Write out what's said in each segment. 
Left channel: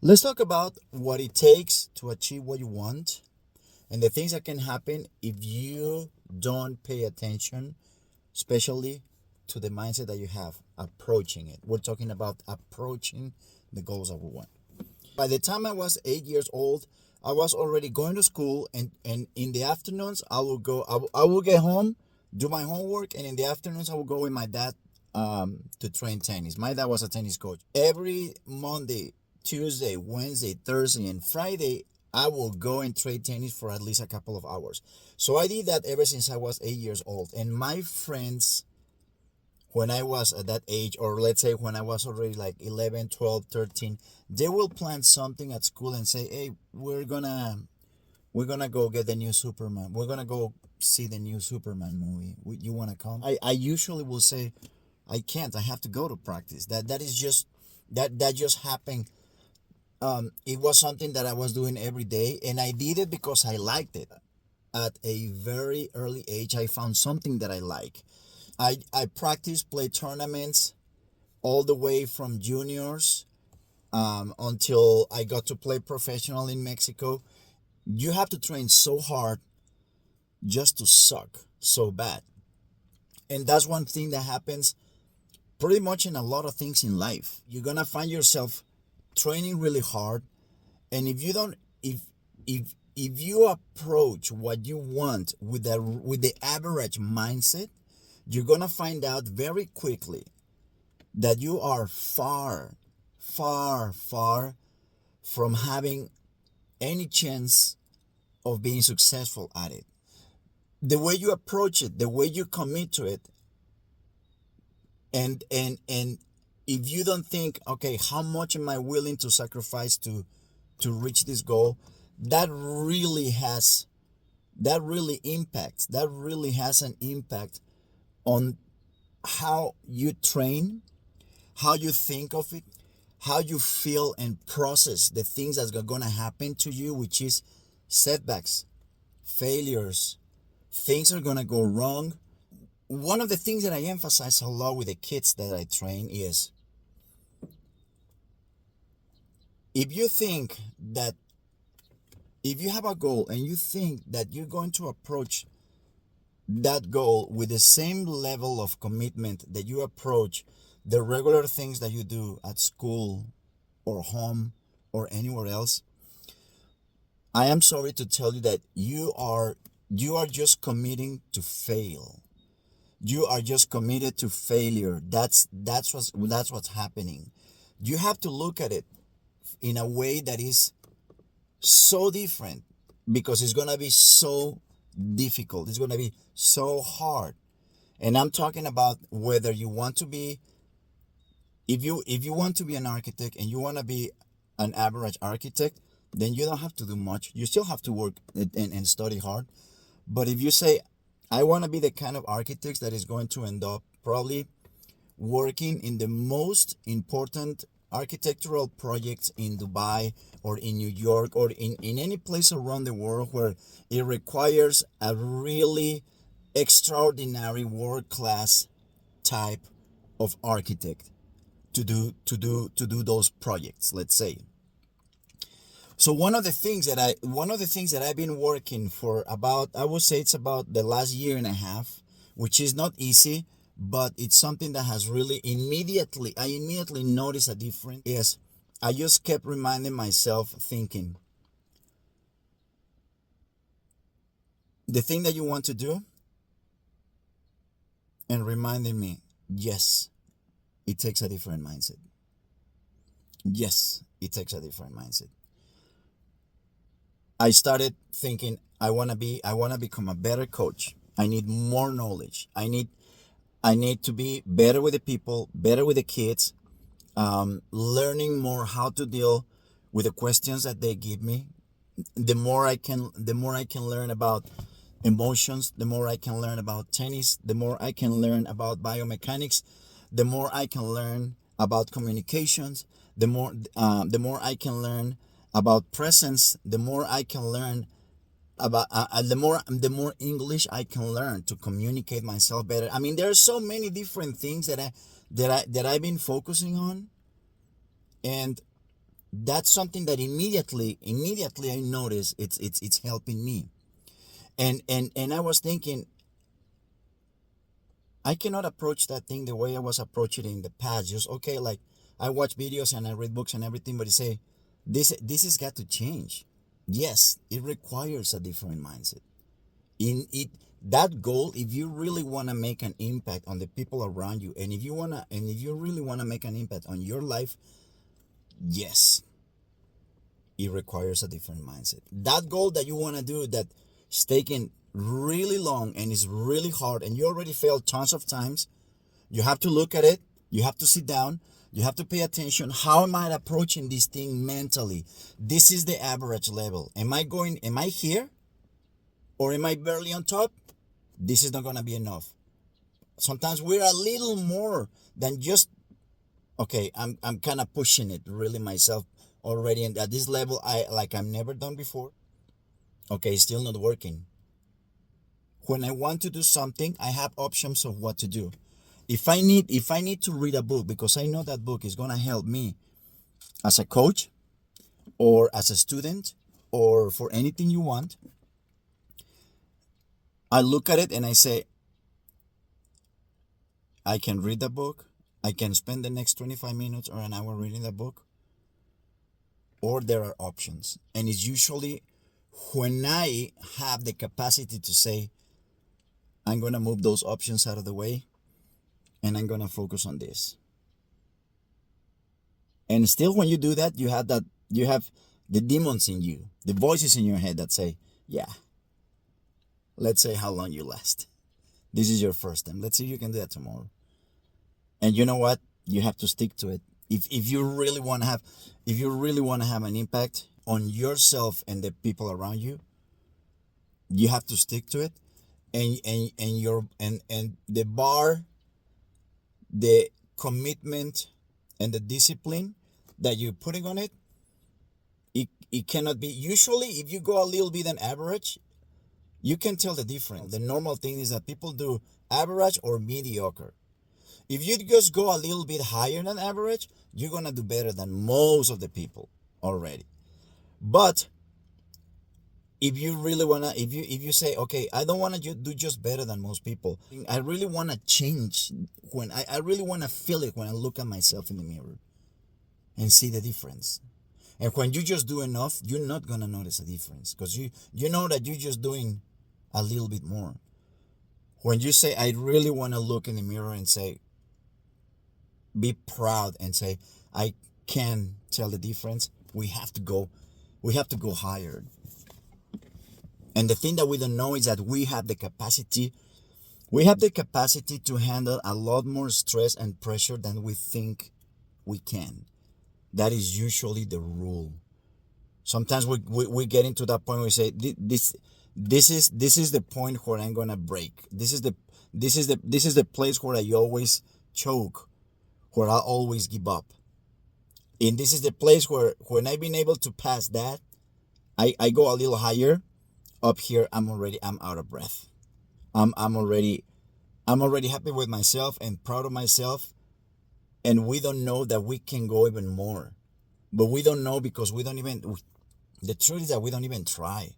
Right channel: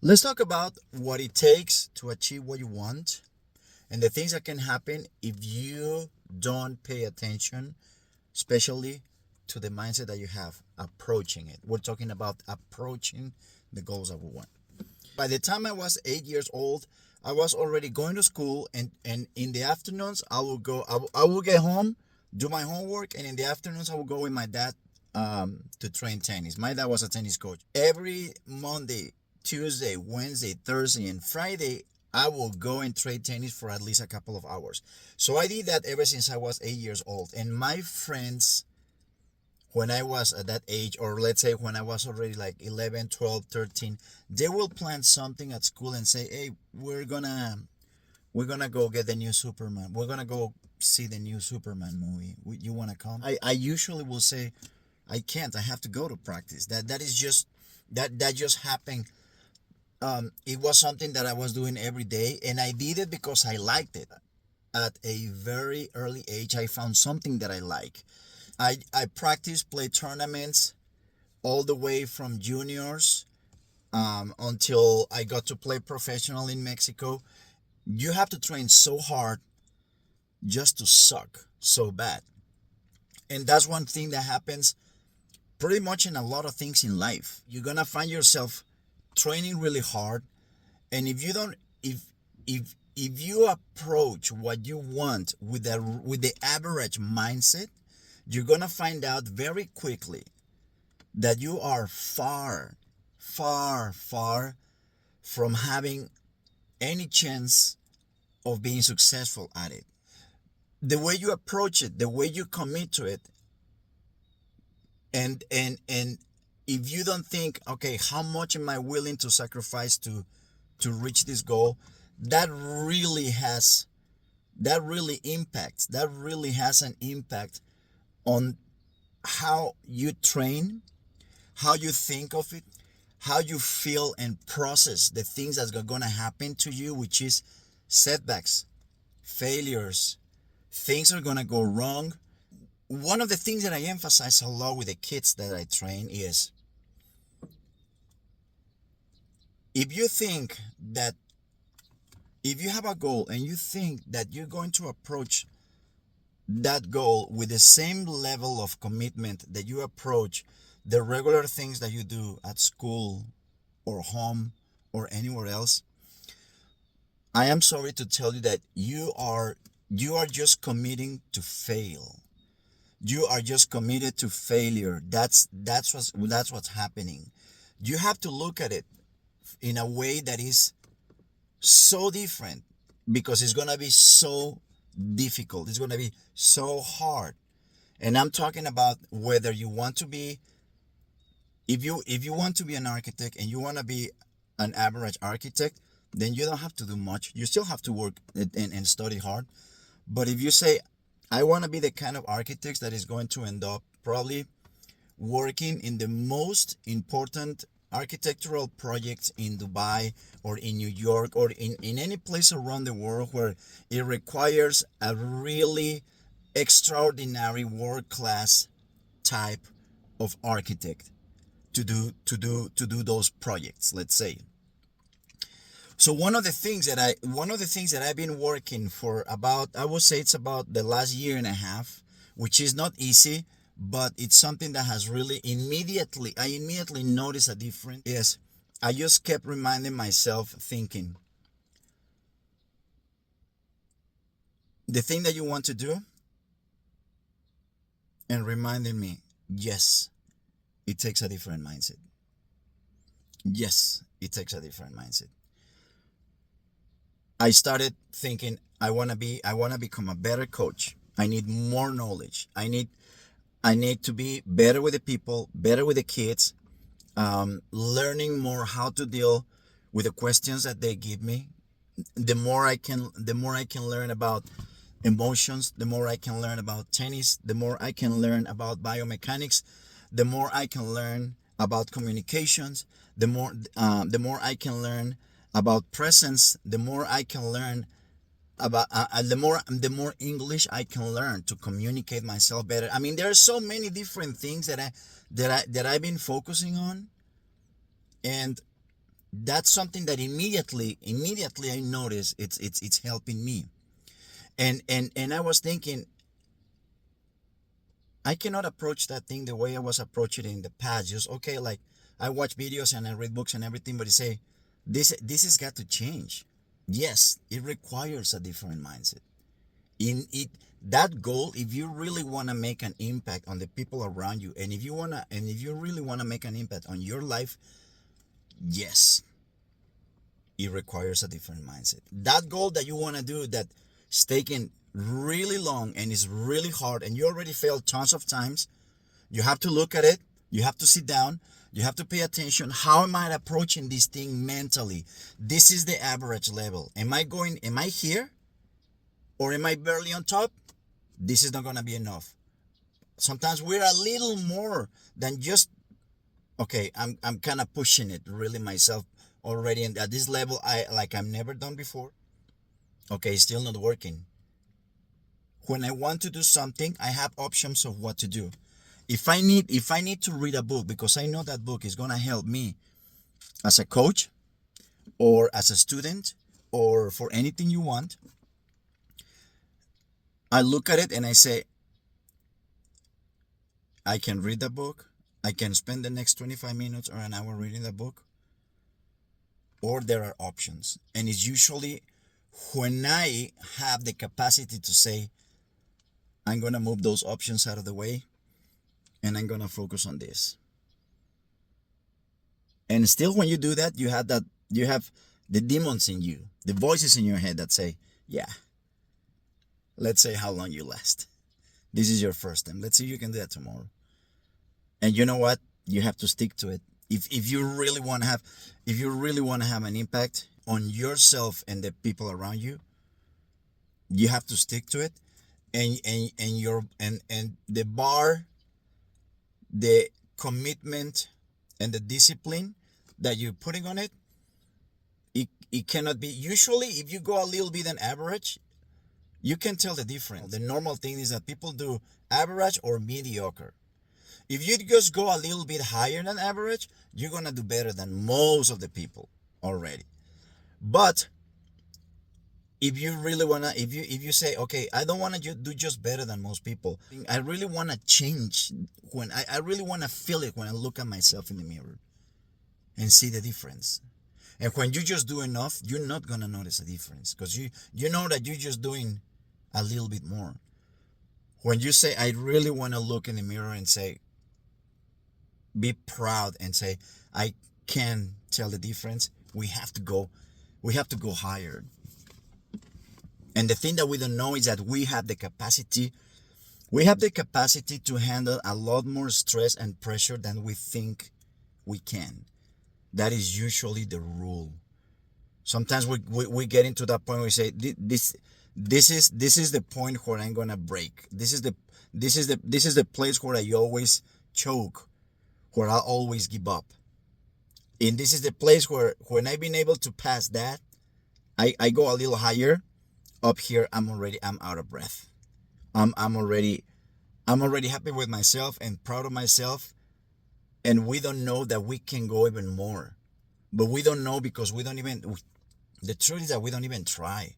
Let's talk about what it takes to achieve what you want and the things that can happen if you don't pay attention, especially to the mindset that you have approaching it. We're talking about approaching the goals that we want. By the time I was 8 years old, I was already going to school, and in the afternoons I will get home, do my homework, and in the afternoons I will go with my dad to train tennis. My dad was a tennis coach. Every Monday, Tuesday, Wednesday, Thursday, and Friday, I will go and train tennis for at least a couple of hours. So I did that ever since I was 8 years old. And my friends, when I was at that age, or let's say when I was already like 11, 12, 13, they will plan something at school and say, hey, we're gonna go get the new Superman. We're gonna go see the new Superman movie. You wanna come? I usually will say, I can't. I have to go to practice. That is just that just happened. It was something that I was doing every day, and I did it because I liked it. At a very early age, I found something that I like. I practiced, play tournaments all the way from juniors until I got to play professional in Mexico. You have to train so hard just to suck so bad. And that's one thing that happens pretty much in a lot of things in life. You're gonna find yourself training really hard, and if you don't, if you approach what you want with the average mindset, you're gonna find out very quickly that you are far, far, far from having any chance of being successful at it. The way you approach it, the way you commit to it, and if you don't think, okay, how much am I willing to sacrifice to reach this goal, that really has that really has an impact on how you train, how you think of it, how you feel and process the things that are going to happen to you, which is setbacks, failures, things are going to go wrong. One of the things that I emphasize a lot with the kids that I train is, if you think that if you have a goal and you think that you're going to approach that goal with the same level of commitment that you approach the regular things that you do at school or home or anywhere else, I am sorry to tell you that you are just committing to fail. You are just committed to failure. That's what's happening. You have to look at it in a way that is so different, because it's going to be so difficult. It's going to be so hard. And I'm talking about whether you want to be, if you want to be an architect and you want to be an average architect, then you don't have to do much. You still have to work and study hard. But if you say, I want to be the kind of architect that is going to end up probably working in the most important architectural projects in Dubai or in New York or in any place around the world where it requires a really extraordinary world-class type of architect to do those projects, let's say. So one of the things that I've been working for about, I would say it's about the last year and a half, which is not easy, but it's something that has really I immediately noticed a difference. Yes, I just kept reminding myself, thinking, the thing that you want to do, and reminding me, yes, it takes a different mindset. Yes, it takes a different mindset. I started thinking, I want to become a better coach. I need more knowledge. I need to be better with the people, better with the kids, learning more how to deal with the questions that they give me. The more I can learn about emotions, the more I can learn about tennis, the more I can learn about biomechanics, the more I can learn about communications, the more I can learn about presence, the more I can learn about the more English I can learn to communicate myself better. I mean, there are so many different things that I've been focusing on, and that's something that immediately I notice it's helping me. And I was thinking, I cannot approach that thing the way I was approaching it in the past. Just okay, like I watch videos and I read books and everything, but you say this has got to change. Yes, it requires a different mindset. In it, that goal, if you really want to make an impact on the people around you, and if you really want to make an impact on your life, yes, it requires a different mindset. That goal that you want to do that's taking really long and is really hard, and you already failed tons of times, you have to look at it. You have to sit down. You have to pay attention. How am I approaching this thing mentally? This is the average level. Am I here? Or am I barely on top? This is not going to be enough. Sometimes we're a little more than just, okay, I'm kind of pushing it really myself already. And at this level, I've never done before. Okay, it's still not working. When I want to do something, I have options of what to do. If I need to read a book because I know that book is going to help me as a coach or as a student or for anything you want, I look at it and I say, I can read the book. I can spend the next 25 minutes or an hour reading the book, or there are options. And it's usually when I have the capacity to say, I'm going to move those options out of the way and I'm going to focus on this. And still, when you do that, you have the demons in you, the voices in your head that say, yeah, let's say how long you last. This is your first time. Let's see if you can do that tomorrow. And you know what? You have to stick to it. If you really want to have an impact on yourself and the people around you, you have to stick to it. And the bar, the commitment and the discipline that you're putting on it, it cannot be. Usually if you go a little bit than average, you can tell the difference. The normal thing is that people do average or mediocre. If you just go a little bit higher than average, you're going to do better than most of the people already. But if you really want to, if you say, okay, I don't want to do just better than most people. I really want to change when I really want to feel it when I look at myself in the mirror and see the difference. And when you just do enough, you're not going to notice a difference because you know that you're just doing a little bit more. When you say, I really want to look in the mirror and say, be proud and say, I can tell the difference, we have to go higher. And the thing that we don't know is that we have the capacity to handle a lot more stress and pressure than we think we can. That is usually the rule. Sometimes we get into that point where we say, this is the point where I'm gonna break. This is the place where I always choke, where I always give up. And this is the place where when I've been able to pass that, I go a little higher. Up here, I'm out of breath. I'm already happy with myself and proud of myself. And we don't know that we can go even more. But we don't know because the truth is that we don't even try.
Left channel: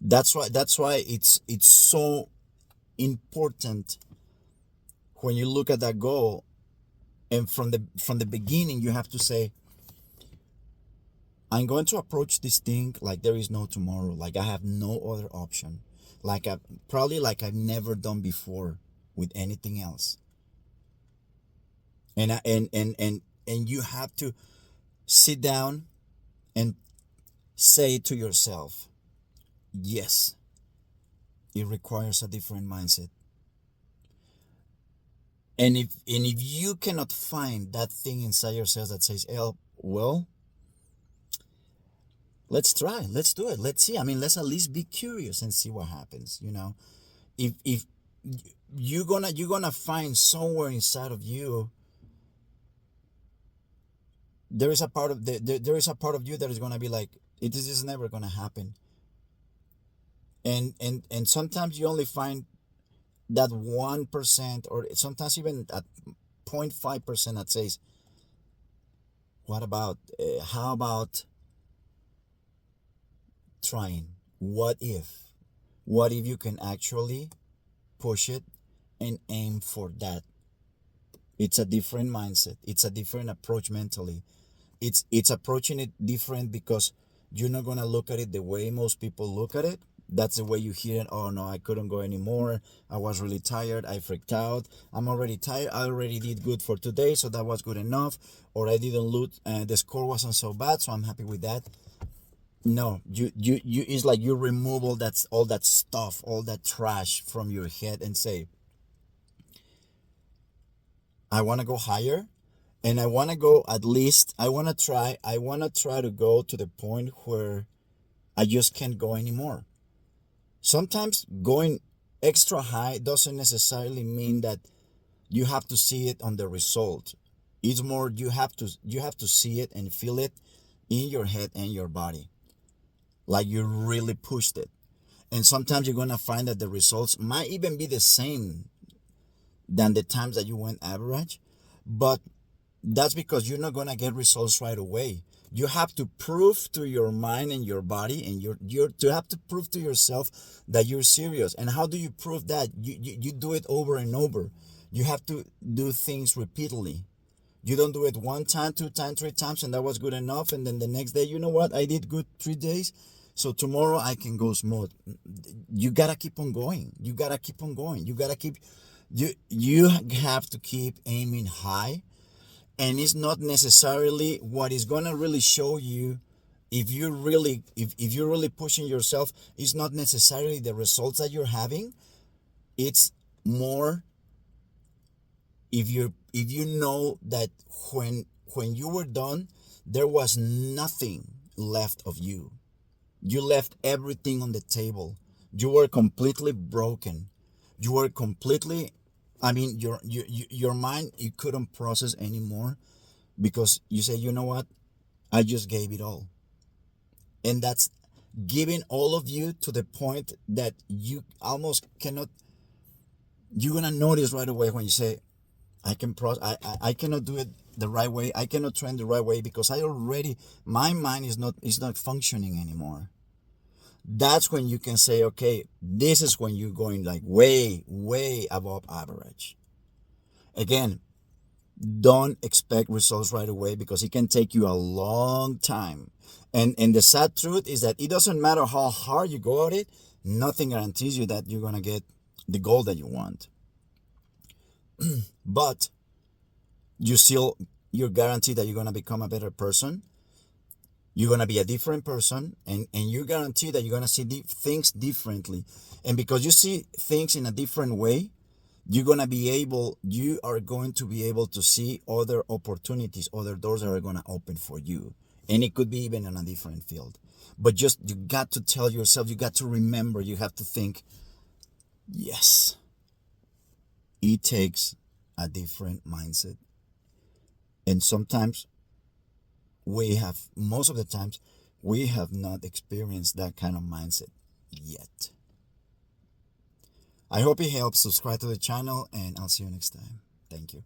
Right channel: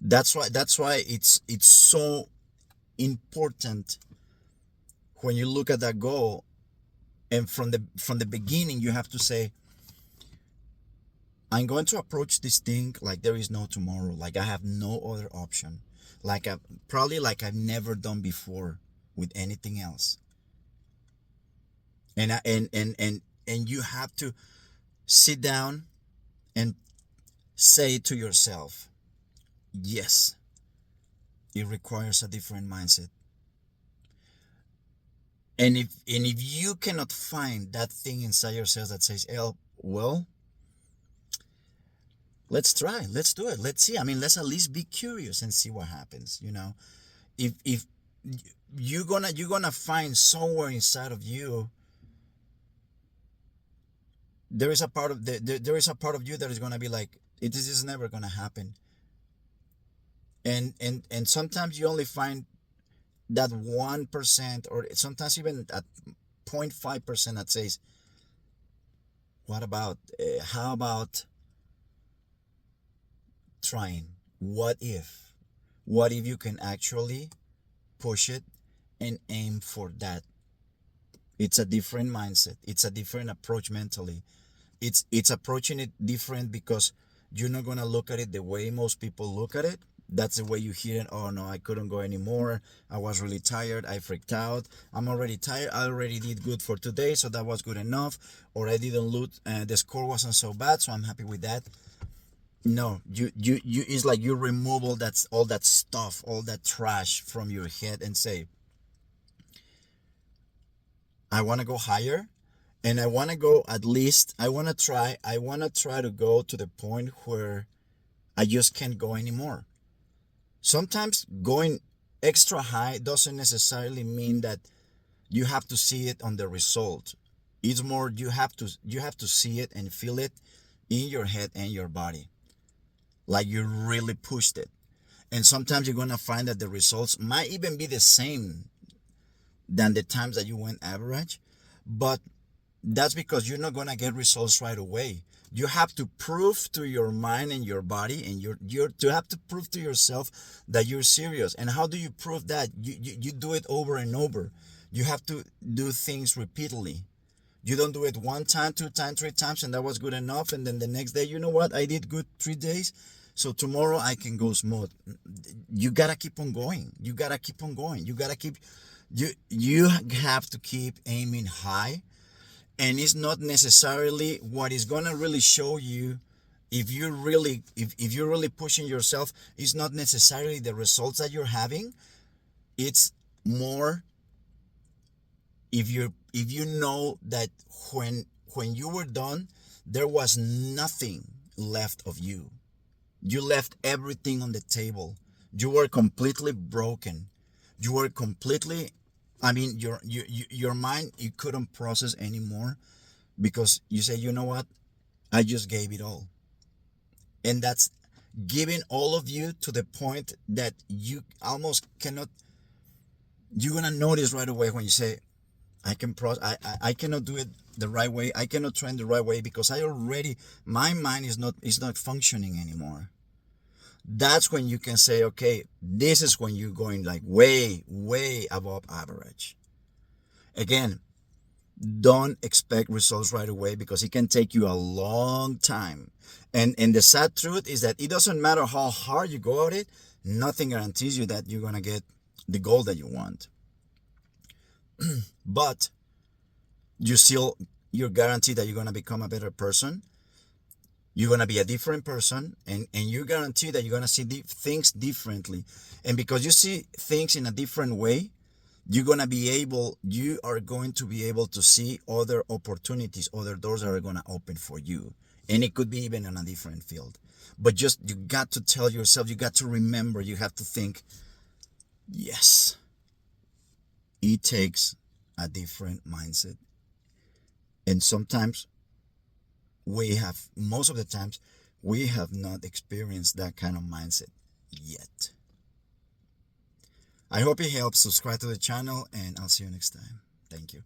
That's why it's so important when you look at that goal, and from the beginning you have to say, I'm going to approach this thing like there is no tomorrow, like I have no other option, like I've never done before with anything else. And you have to sit down and say to yourself, yes, it requires a different mindset. And if you cannot find that thing inside yourself that says, well, let's try, let's do it, let's see. I mean, let's at least be curious and see what happens. If you're gonna find somewhere inside of you, there is a part of you that is gonna be like, this is never gonna happen. And sometimes you only find that 1%, or sometimes even at 0.5% that says, What about, how about trying? What if? What if you can actually push it and aim for that? It's a different mindset. It's a different approach mentally. It's approaching it different because you're not gonna look at it the way most people look at it. That's the way you hear it. Oh no, I couldn't go anymore. I was really tired. I freaked out. I'm already tired. I already did good for today, so that was good enough. Or I didn't lose. The score wasn't so bad, so I'm happy with that. No, you. It's like you remove all that stuff, all that trash from your head, and say, I want to go higher, and I want to go at least. I want to try to go to the point where I just can't go anymore. Sometimes going extra high doesn't necessarily mean that you have to see it on the result. It's more you have to see it and feel it in your head and your body, like you really pushed it. And sometimes you're gonna find that the results might even be the same than the times that you went average, but that's because you're not gonna get results right away. You have to prove to your mind and your body, and you're to have to prove to yourself that you're serious. And how do you prove that? You do it over and over. You have to do things repeatedly. You don't do it one time, two times, three times, and that was good enough. And then the next day, you know what? I did good 3 days. So tomorrow I can go smooth. You gotta keep on going. You gotta keep on going. You have to keep aiming high. And it's not necessarily what is gonna really show you if you're really pushing yourself. It's not necessarily the results that you're having. It's more if you know that when you were done, there was nothing left of you. You left everything on the table. You were completely broken. You were completely, I mean, your mind, you couldn't process anymore because you say, you know what? I just gave it all. And that's giving all of you to the point that you almost cannot, you're going to notice right away when you say, I cannot do it the right way. I cannot train the right way because my mind is not functioning anymore. That's when you can say, okay, this is when you're going like way above average. Again, don't expect results right away because it can take you a long time. And the sad truth is that it doesn't matter how hard you go at it, nothing guarantees you that you're gonna get the goal that you want. But you're guaranteed that you're gonna become a better person. You're gonna be a different person, and you're guaranteed that you're gonna see things differently. And because you see things in a different way, you are going to be able to see other opportunities, other doors that are going to open for you. And it could be even in a different field. But just, you got to tell yourself, you got to remember, you have to think, yes, it takes a different mindset. And sometimes most of the times, we have not experienced that kind of mindset yet. I hope it helps. Subscribe to the channel, and I'll see you next time. Thank you.